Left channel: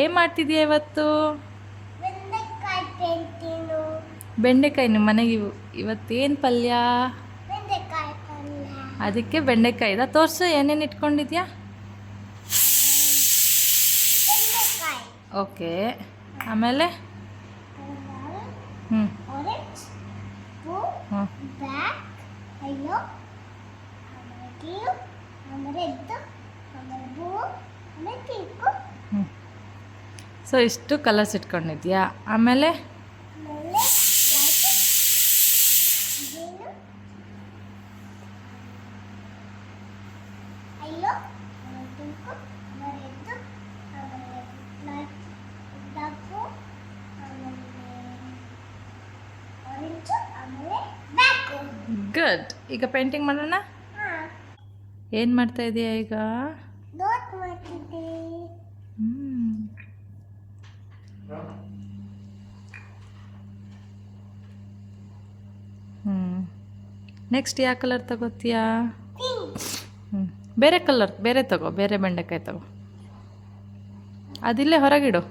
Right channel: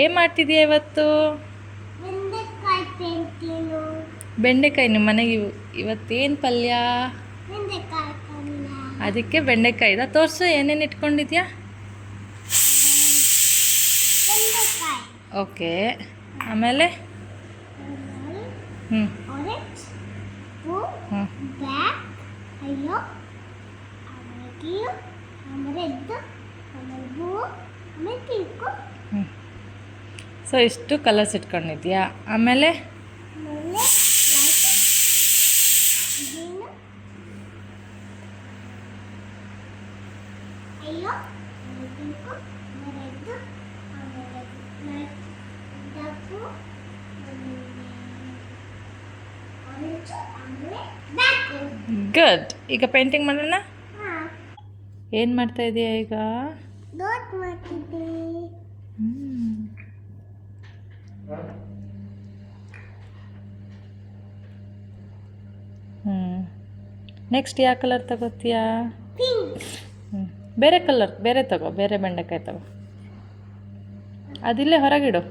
ಏನು ಮಾಡ್ತಿದ್ದೀಯ ಇವತ್ತು? ಬೆಂಡೆಕಾಯಿ ನಿಮ್ಮ ಮನೆಗೆ ಇವತ್ತೇನು ಪಲ್ಯ? ಅದಕ್ಕೆ ಬೆಂಡೆಕಾಯಿ ಇದಾ? ತೋರಿಸು ಏನೇನು ಇಟ್ಕೊಂಡಿದ್ಯಾ? ಓಕೆ, ಆಮೇಲೆ ಹ್ಞೂ ಹ್ಞೂ ಸೊ ಇಷ್ಟು ಕಲರ್ಸ್ ಇಟ್ಕೊಂಡಿದ್ಯಾ? ಆಮೇಲೆ ಗುಡ್. ಈಗ ಪೇಂಟಿಂಗ್ ಮಾಡೋಣ. ಏನು ಮಾಡ್ತಾ ಇದೀಯಾ ಈಗ? ನೆಕ್ಸ್ಟ್ ಯಾವ ಕಲರ್ ತಗೋತೀಯಾ? ಬೇರೆ ಕಲರ್ ಬೇರೆ ತಗೋ, ಬೇರೆ ಬೆಂಡೆಕಾಯಿ ತಗೋ. ಅದಿಲ್ಲೇ ಹೊರಗಿಡು.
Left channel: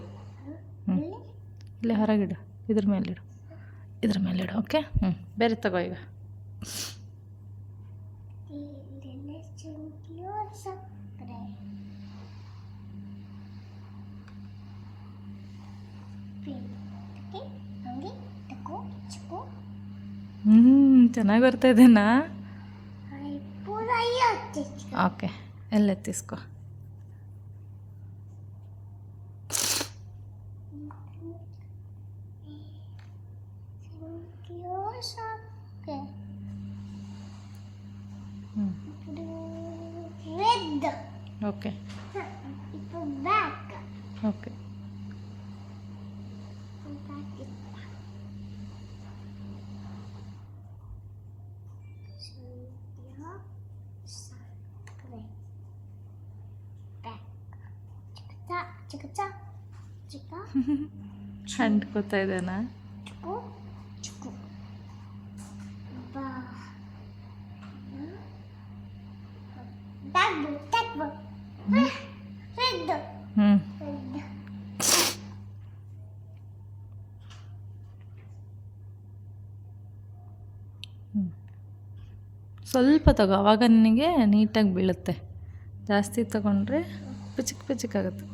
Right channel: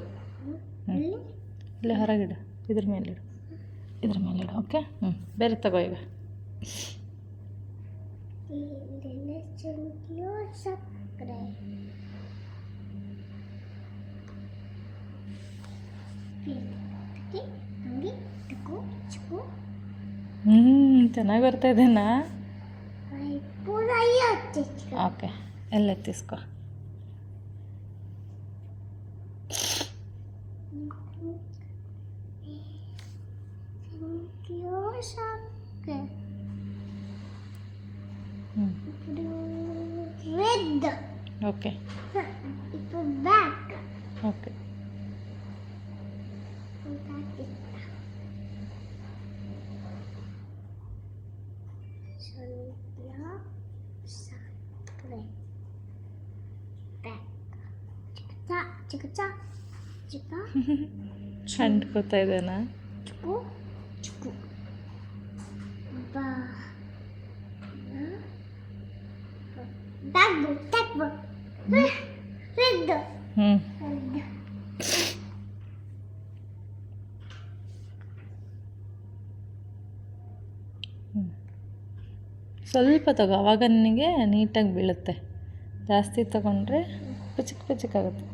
ಇಲ್ಲೇ ಹೊರಗಿಡು, ಇದ್ರ ಮೇಲಿಡು, ಇದ್ರ ಮೇಲಿಡು. ಓಕೆ, ಬೇರೆ ತಗೋ ಈಗ. ಚೆನ್ನಾಗಿ ಬರ್ತಾ ಇದೆನಾ? ಓಕೆ, ಎಲ್ಲ ಎತ್ತಿಸ್ಕೊ. Okay okay. ಅಂಟ್ಕೋತಾ ಇದೇನಾ? ಸ್ವಲ್ಪ ತಗೋ, ಆವಾಗ ನಿನಗೆ ನೀಟಾಗಿ ಬೀಳುತ್ತೆ. ಜಾಸ್ತಿ ತಗೊಂಡ್ರೆ ಪಿಚಕ್ ಪಿಚಕಾಗುತ್ತೆ.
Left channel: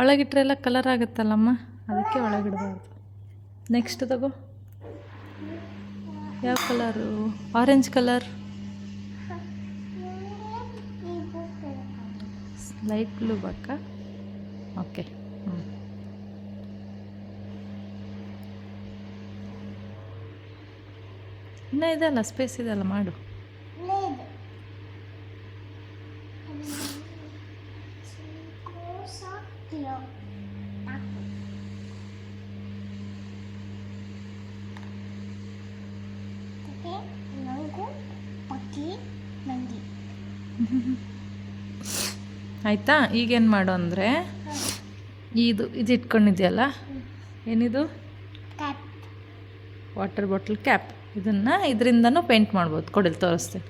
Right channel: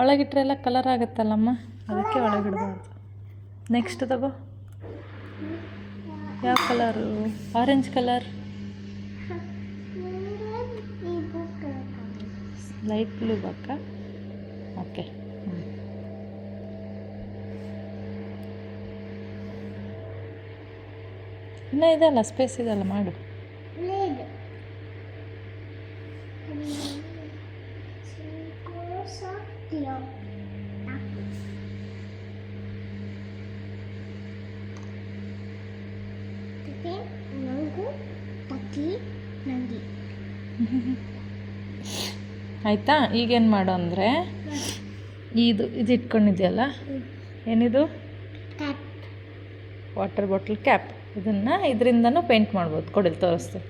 ಒಳಗಿಟ್ರೆ ಎಲ್ಲ ಕಲರ್ ಆಗುತ್ತಲ್ಲಮ್ಮ, ಅದಕ್ಕೆ ಒಳಗಿಡಬಾರ್ದು. ನೆಕ್ಸ್ಟ್ ತಗೋ. ಯಾವ colour? Orange colour, light blue ಬೇಕಾ? ಓಕೆ. ಇನ್ನೂ ಇದೆಯಲ್ಲ, ಸ್ಪೇಸ್ ಇದೆಯಲ್ಲ, ಮಾಡು. ಆಯಿತಾ? ಈಗೇನು ಮಾಡು ಅಂದರೆ, ಇದು ಇಟ್ಕೊಂಡಿದೆಯಲ್ಲ, ಏನಿದು? Water bottle cap. ಇದರಿಂದನೂ ಪೇಂಟ್ ಮಾಡ್ಬೋದು. ಕೊಡಲಿ ತೋರಿಸ್ತೆ.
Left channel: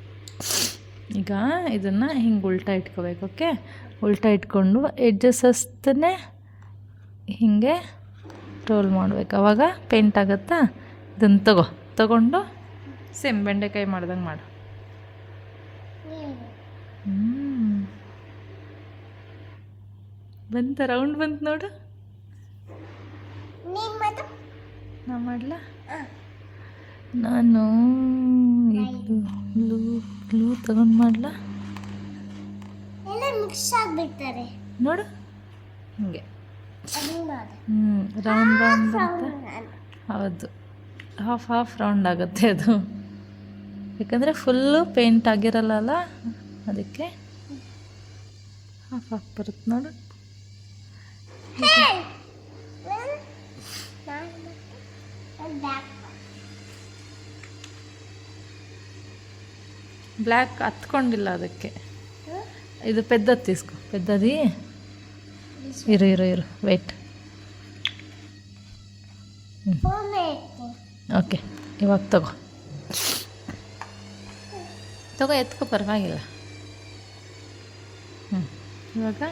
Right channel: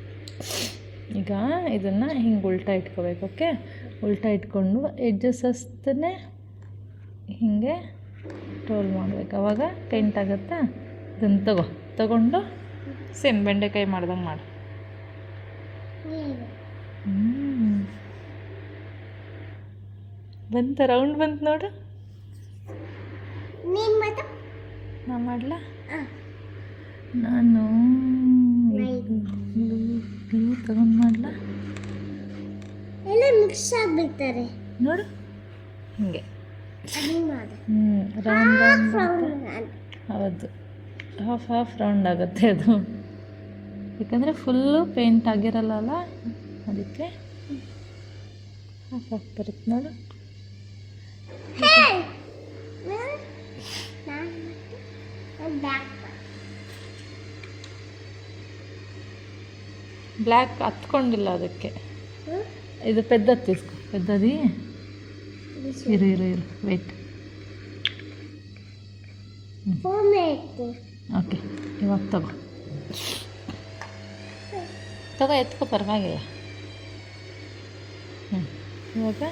ಈಗ ಇದನ್ನು ಹಿಂಗೆ ಉಲ್ಟಾ ಇಟ್ಕೋಬೇಕು. ಓಕೆ, ಉಲ್ಟಾ ಇಟ್ಕೊಂಡು ಎಡ್ಜಸ್ ಅಷ್ಟೇ ಹೀಗೆ ರೋಲ್ ಮಾಡಬೇಕು. ಆವಾಗ ಪೇಂಟ್ ಆಗುತ್ತಾ? ಇದನ್ನು ತಗೊಂಡು ಸೇಮ್ ಬೆಂಡೆಕಾಯಿ ಮಾಡ್ದಂಗೆ ಮಾಡು. ಬಂತ, ರೌಂಡ್ ಬಂತು ನೋಡು. ನಾ ಮಾಡಲ? ನಾನು ಗ್ಲೂ ತಗೊಂಡು ಮಾಡಲ? ನೋಡು ಹಿಂಗೆ. ರೌಂಡ್ ಹೌದು, ಹಾಫ್ ರೌಂಡ್ ಆಗುತ್ತೆ ಅದು. ಯಾಕಂದರೆ ಫುಲ್ಲು ಪೇಂಟ್ ಆಗಿರಲ್ಲ, ಅದಕ್ಕೆ ಹಾಫ್ ಬರುತ್ತೆ ನೋಡು. ಬ್ಲ್ಯಾಕ್ ಹತ್ಕೊಂಡಿಲ್ಲ ಅದಕ್ಕೆ. ಇದು ಪೆದ್ದದ್ದು తీసుకో, ಪೆದ್ದది ಇರು ವೆಯ್ಟ್. ಓಕೆ, ಇವಾಗ ತಗೋ ಎತ್ಕೋ, ಪರವಾಗಿಲ್ಲ. ಇವಾಗ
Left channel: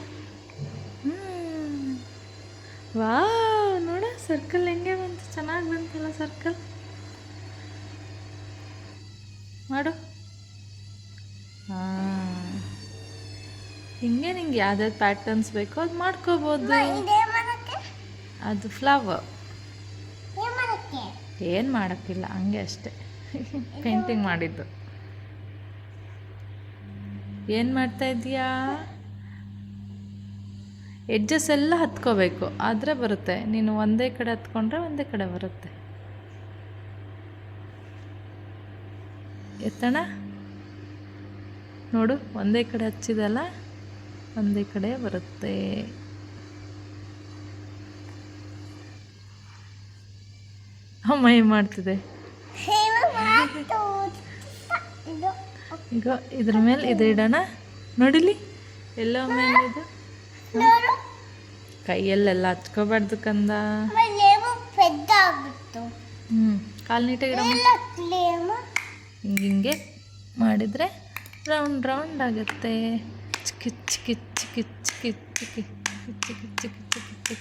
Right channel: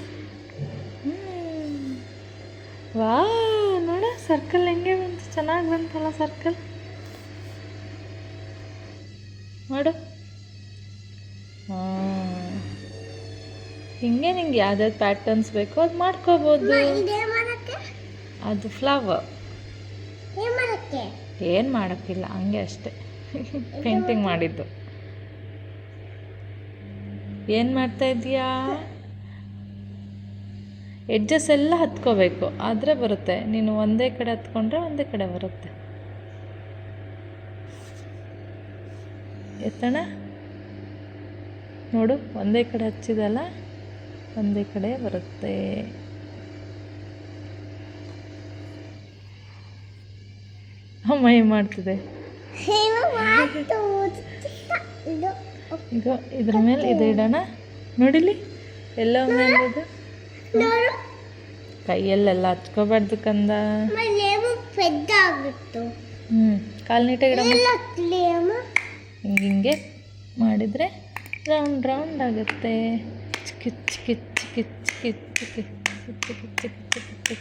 ವಾ, ನೋಡ ಸರ್ಕಲ್ ಹೆಂಗೆ ಬಂತು, ಚೆನ್ನಾಗಿ ಬಂತಲ್ಲ ಸರ್ಕಲ್. ಮಾಡು. ಹಿಂಗೆ ನಿಂಗೆ ಯಾವ್ದಾವ್ದು ಪ್ಯಾಟರ್ನ್ಸ್ ಬೇಕೋ ಅದು ಮಾಡ್ಕೋಬೋದು. ಅದು ಫ್ಲವರ್ ಏನು ಮಾಡೋಕ್ಕಿಲ್ಲ, ಹಂಗೆ ಅಷ್ಟೆ. ಪೇಂಟಿಂಗ್ ಮಾಡಿದ್ದು. ಏನು ಮಾಡ್ತಾ ಇದೀಯಾ? ಎಡ್ಜಸ್ ಎಲ್ಲ ಹತ್ಕೋಬೇಕು, ಆದರೆ ಬರುತ್ತೆ. ನೀನು ಒಂದೇ ಕಡೆ ಹತ್ಕೊಂಡ್ರೆ ಒಂದೇ ಕಡೆ ಬರುತ್ತೆ. ಎತ್ತಣ ನೋಡು, ಒಂದೇ ಕಡೆ ಹಚ್ಚಿದಲ್ಲ, ಒಂದೇ ಕಡೆ ಬರುತ್ತೆ. ಅಮ್ಮ ಏನು ಮಾಡ್ತಿದೆ ಈಗ? ಇದ್ರ ಮೇಲೆ ಇದು ಇಡೋಣ. ನೋಡಿಲಿ ಎಲ್ಲ ಮೇಲೆ ಇದು ಕೈಯಲ್ಲೆಲ್ಲ ಹಚ್ಕೋಬಾರ್ದು ಕಂದ. ಕಾಲು ನೀಟಾಗಿ ಹಿಂಗೆ ಮಾಡಿದರೆ ರೌಂಡ್ ರೌಂಡ್ ಆಗುತ್ತೆ. ಚಿಕ್ಕಿ ಚಿಕ್ಕಿ ಚಿಕ್ಕಿ ಚಿಕ್ಕಿ ಚಿಕ್ಕಿ ಚಿಕ್ಕಿ ಚಿಕ್ಕಿ ಚಿಕ್ಕಿ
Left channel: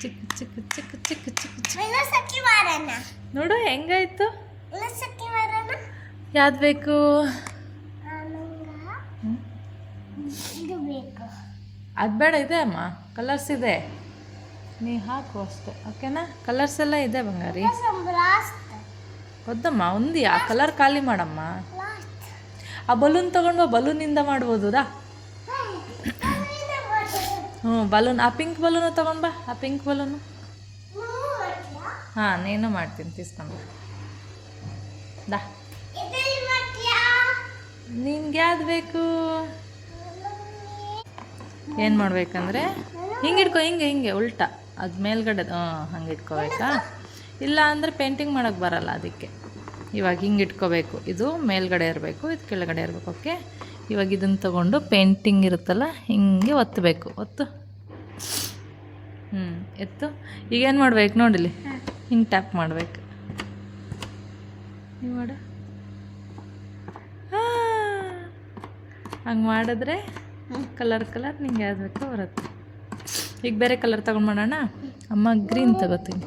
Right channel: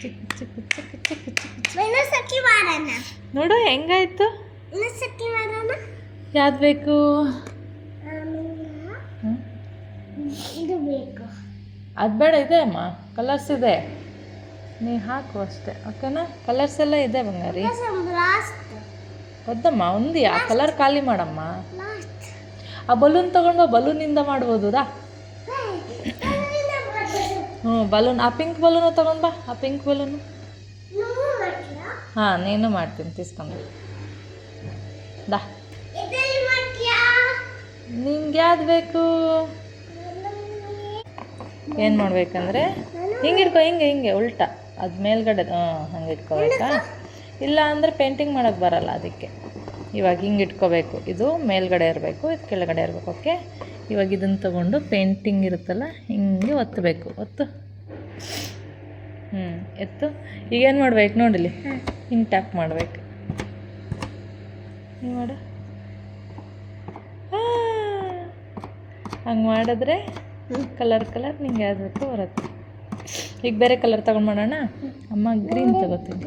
ಚಿಕ್ಕಿ ಚಿಕ್ಕಿ ಚಿಕ್ಕಿ ಚಿಕ್ಕಿ ಚಿಕ್ಕಿ ನೋಡು ಹೆಂಗಾಯ್ತು. ಯಾವ್ದು ಬೇಕು? ಅದು ಬೇಡ, ಇದೆ ಅಮ್ಮ, ಕಲರ್ಸ್ ಇದೆ, ನೀ ಹಾಕು ಅಷ್ಟೇ. ಓಕೆನಾ? ಕಲರ್ಸ್ ಎಲ್ಲ ಇದೆ ಬಂಗಾರಿ. ಹೌದಮ್ಮ, ಒಂದಿಯಾ ಕಲರ್ ಖಾಲಿ ಮಾಡಮ್ಮ. ಆ ಬಲೂನ್ ತಗೊಂಡು ಬಲೂನಿಂದ ಮಾಡ್ಬೋದಾ? ಬಲೂನ್, ಆ ಪಿಂಕ್ ಬಲೂನು ತಗೊಂಡ್ಬಾ. ಆ ಪಿಂಕ್ ಬಲೂನು ಹಾಂ, ನೀನು ಮಾಡ್ತೀನಿ, తీసుಕೊಂಡು ದಾ. ನಿನ್ಗೆ ಯಾವ್ದು ಬೇಕು? ಏನು ಮಾಡಬೇಕಂದ್ರೆ ಹಿಂಗೆ ಇಟ್ಕೊ, ಹಿಂಗೆ ಉಲ್ಟಾ, ಅದು ಮೇಲ್ಗಡೆ ಹಂಗೆ ಇಟ್ಕೋಬೇಕಾ? ಇಲ್ಲ ಅಂದರೆ ಪೇಂಟಿಂಗ್ ಮಾಡೋಕ್ಕೆ ಬರಲ್ಲ, ಅದಕ್ಕೆ ಇವಾಗ ಹಿಂಗೆ ಇಟ್ಕೋಬೇಕು. ಇದು ಮೇಲ್ಗಡೆ ಇರಬೇಕು, ಇದು ಕೆಳಗಡೆ ಇರಬೇಕು. ಓಕೆ, ಇವಾಗ ಇದನ್ನು ತೊಗೊಂಡು ಪೇಂಟಿಂಗ್ ಇರುತ್ತಲ್ಲ ಹಿಂಗೆ ಒತ್ತಬೇಕು. ಎತ್ತು. ಈಗೇನು ಮಾಡ್ಬೇಕು ನೋಡಿಲಿ, ಹಿಂಗೆ ಟ್ಯಾಪ್ ಮಾಡಬೇಕು. ಹಿಂಗೆ ಮಾಡು. ಹಂಗೆ ಮಾಡಿದ್ರೆ ಕಲರ್ ನಿಂಗೆ ಯಾವ್ದು ಬೇಕು ಬರುತ್ತೆ. ಈಗ ಬೇರೆ ಕಲರ್ ತೊಗೊಂಡು ಮಾಡೋಣ. ಅಮ್ಮ ಗ್ರೀನ್ ತಗೋತೀನಿ.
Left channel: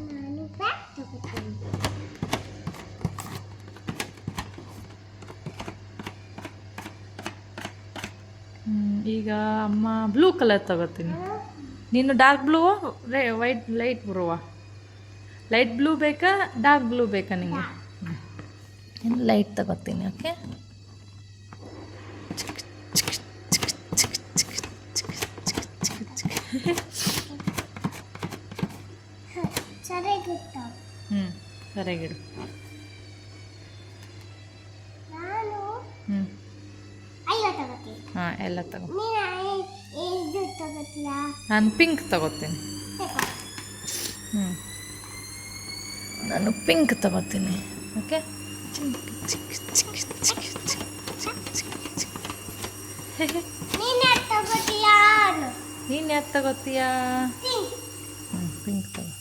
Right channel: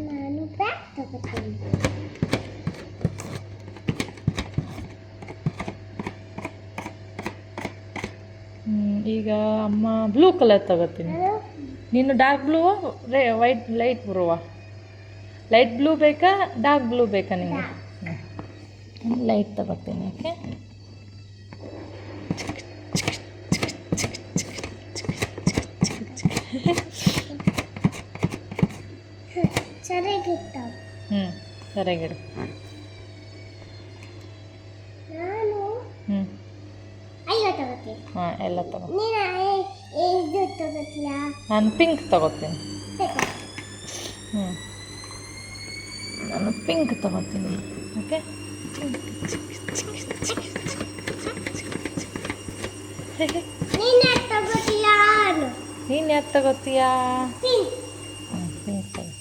ಈಗ ಅಮ್ಮ ಬ್ಲೂ ಕಲರ್ ತಗೋತೀನಿ. ನೀನು ಡಾರ್ಕ್ ಬ್ಲೂ, ವೈಟ್, ಲೈಟ್ ಬರುವ ಲೈಟ್ ಬ್ಲೂ ಬೇಕಾ, ಡಾರ್ಕ್ ಬ್ಲೂ ಬೇಕಾ ನಿಮಗೆ? ಲೈಟ್ ತಗೋತೀನಿ. ಓಕೆ, ಸರಿಯಾಗಿಡು. ಹಾಂ, ಎಲ್ಲ ತಗೋ. ನಾನು ಪಿಂಕ್ ತಗೋತೀನಿ. ನಾನು ಪಿಂಕ್ ತಗೋತೀನಿ. ಓಕೆ, ನೀನು ಯಾವ್ದು ತಗೋತೀಯಾ? ಪಿಂಕ್ ತಗೋ.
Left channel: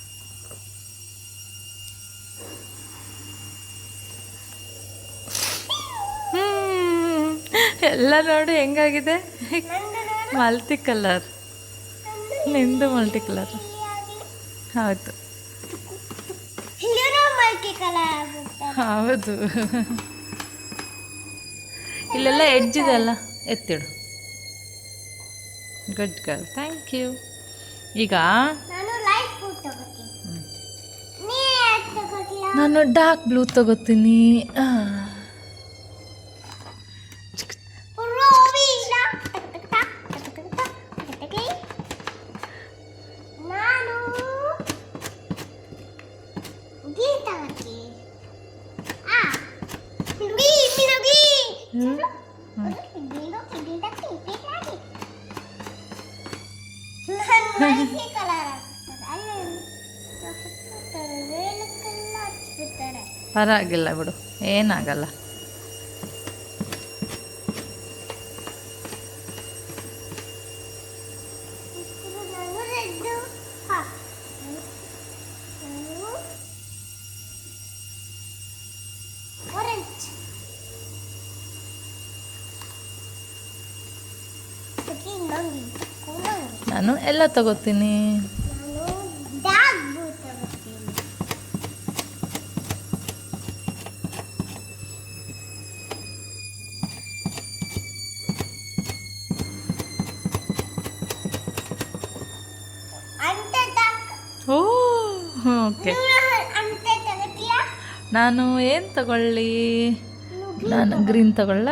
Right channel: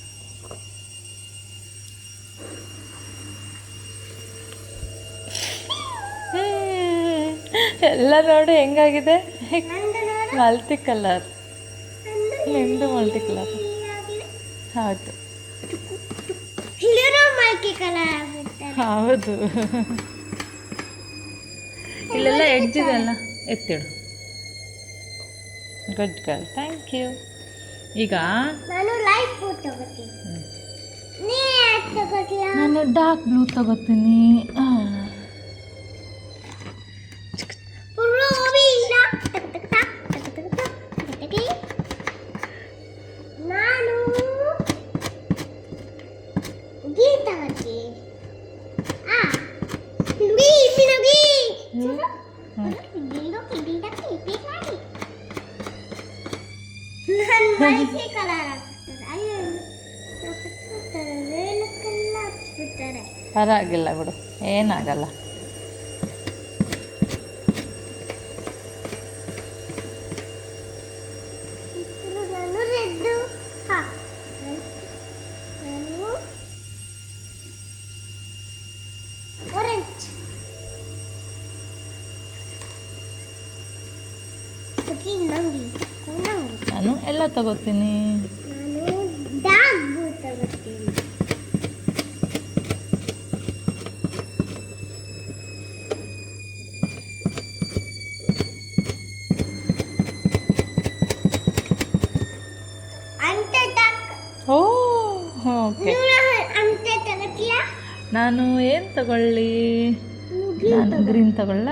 ಎಲ್ಲ ನೋಡಿ ಹೆಂಗಾಗಿದೆ, ಮಲ್ಟಿ ಕಲರ್. ನಿಂದು ಮಲ್ಟಿ ಕಲರ್. ಹೌದು ಹೌದು. ಇಲ್ಲೆಲ್ಲ ಎಡ್ಜಿದೆ ಅಲ್ಲ, ಎತ್ತಿಡು. Good girl, thank you. ಈಗ ನಾನು ಡಾರ್ಕ್ ಬ್ಲೂ ತಗೋತೀನಿ. ಪರವಾಗಿಲ್ಲ ಬಿಡು, ಏನಾಗಲ್ಲ. ನಾನು ರೆಡ್ ಹಾ ನಾನು ಆರೆಂಜ್ ನಾನು ಎಲ್ಲ ತಗೋತೀನಿ. ನಾನು ಡಾರ್ಕ್ ಬ್ಲೂ ತಗೋತೀನಿ. ಅಂತೆ ಡಾರ್ಕ್ ಓ ಓಕೆ. ಅಂತೆ ತಗೋತೀಯಾ? ನಾನು ಏನು ತಗೊಳ್ಳಿ? ನಾನು ಗ್ರೀನ್ ತಗೊಳ್ಳ.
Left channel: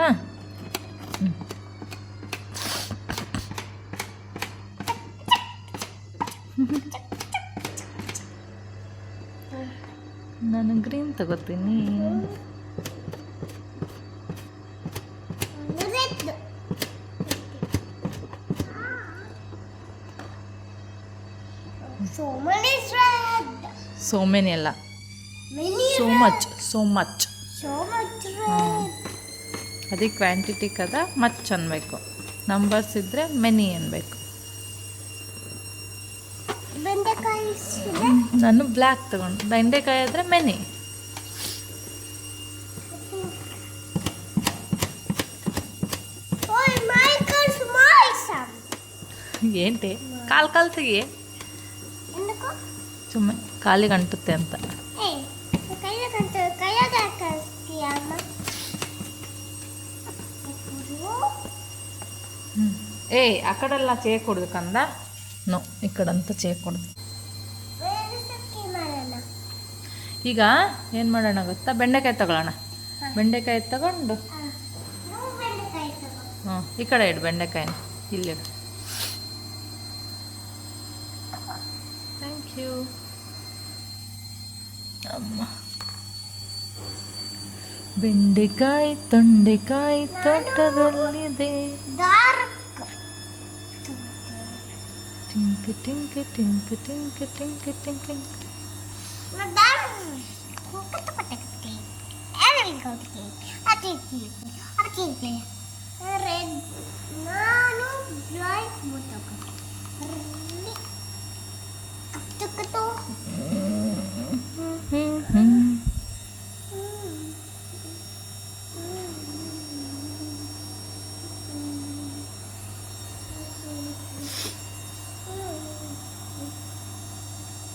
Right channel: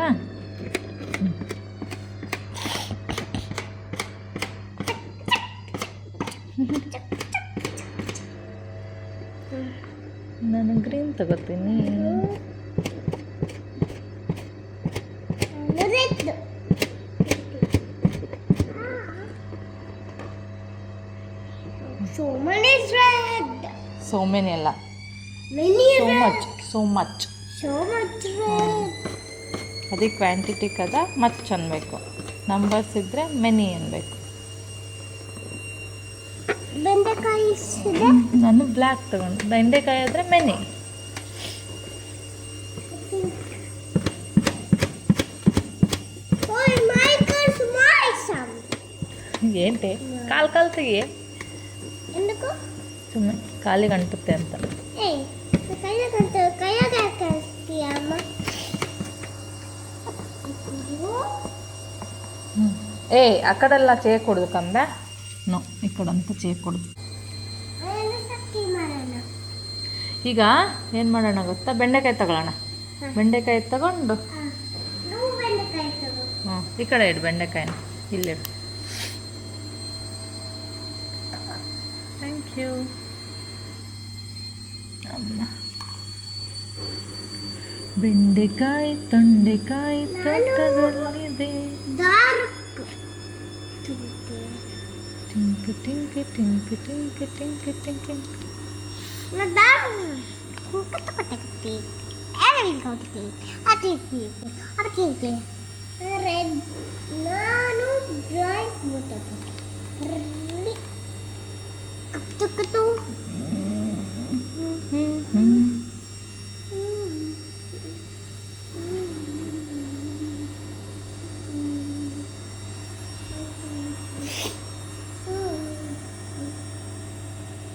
ನಾನು ಗ್ರೀನ್ ತಗೋತೀನಿ. Red so many red so many ಅಲ್ಲ, many so red much, so much. so much red ಅದಕ್ಕೆ ಕ್ವಾಂಟಿಟಿ ಕದ ಮಚ್ ಅನ್ಬೇಕು, ನಂಬರ್ಸ್ ಇದ್ದರೆ ಮೆನಿ ಅನ್ಬೇಕು. ಬೆಂಡೆಕಾಯಿ ಇದೆ. ನಾನು ಬ್ಲ್ಯಾಕ್ ತಗೊಂಡು, ಬೆಂಡೆಕಾಯಿ ಆದರೆ many. Oh my God, small sound. ఏంటి కాలు కాలుతాయి, ఎందుకు? ಸುಮ್ಮನೆ ಕಾಲಿಗೆ ಅಂಟುತ್ತೆ ಅಂತ. ಏಯ್ ಕೈಯಾಗ ಹಾಕ್ತೀಯ ಅಮ್ಮ? ಏ ಆ ಕಡೆಲ್ಲ చేయకూడదు ಕಂದ. ನೋ, ಈ ಕಡೆಂತ చేయకూడదు. ಸಕ್ಕಿ ಮಾಡೋಣ. ಈಗ ಏನು ಮಾಡೋಣ ಗೊತ್ತಾ, ಬೆಂಡೆಕಾಯಿ ತಗೊಳ್ಳೋಣ. ಬೆಂಡೆಕಾಯಿ ತಗೊಂಡು ನಾವು ಬೆಂಡೆಕಾಯಿ ತಗೋ. ಹ್ಞೂ ಈ ಕಡೆ ಇಡು ಬೆಂಡೆಕಾಯಿನ, ಇಲ್ಲಿ. ಥ್ಯಾಂಕ್ ಯು ಅಮ್ಮ. ಬೆಂಡೆಕಾಯಿ ತೊಂಡೆಕಾಯಿ ತೋಟದಲ್ಲಿದೆ. ಡಾರ್ಕ್ ಟಿಂಕ್ ಟಿಂಕ್ ಟಿಂಕ್ ಟಿಂಕ್ ಟಿಂಕ್ ಟಿಂಕ್. ಕುಕ್ಕಿ ಅದಕ್ಕೆ ರೆಡ್. ನಾನು ಬ್ರೈಟ್ ಕತ್ತು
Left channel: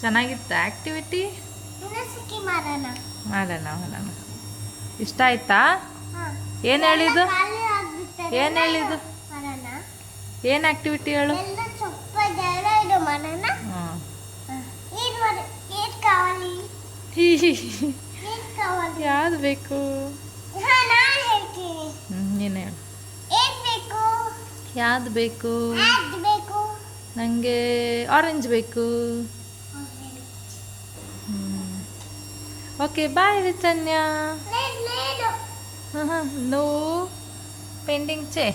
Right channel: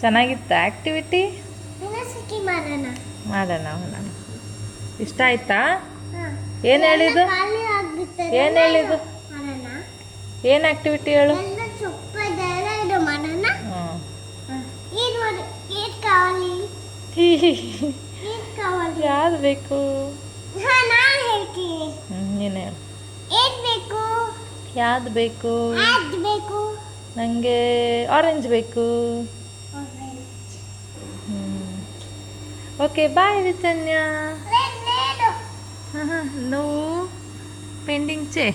ಚೆನ್ನಾಗಿತ್ತ ಆ್ಯಕ್ಟಿವಿಟಿ? ಸಕ್ಕಿ ಮಾಡೋಣ. ಮಾಡೋಣ ಮಾಡೋಣ. ಇಷ್ಟ ಆಯ್ತಾ? ಏನು ಹೇಳಿದ್ದು? ಏನು ಹೇಳಿದ್ದು? ಏನು ಆ್ಯಕ್ಟಿವಿಟಿ ಹೇಳು? ಎಲ್ಲ ಸೊಪ್ಪದೆಲ್ಲ ಇದು ಮಾಡೋಣ. ಹ್ಞೂ ಏನು ಮಾಡಿ ಏನು ಕಾవాలి? ಏನು ಕಾవాలి? ಯಾವ್ದು ಬೇಕು? ಹಾಂ ನಾನು ಹೇಳ್ತೀನಿ. ನೀನು ಹೇಳು. ಏನು ಬೇಕು? ಯಾವ್ದು ಬೇಕು? ಯಾವ್ದು ಬೇಕು? ನನಗೆ ಆರೆಂಜ್ ಬೇಕು. Okay bye Richanya. Red red ಹಾಂ ಹಾಂ, ನೋ ಪೆಂಡಿಂಗ್ ಚೇ.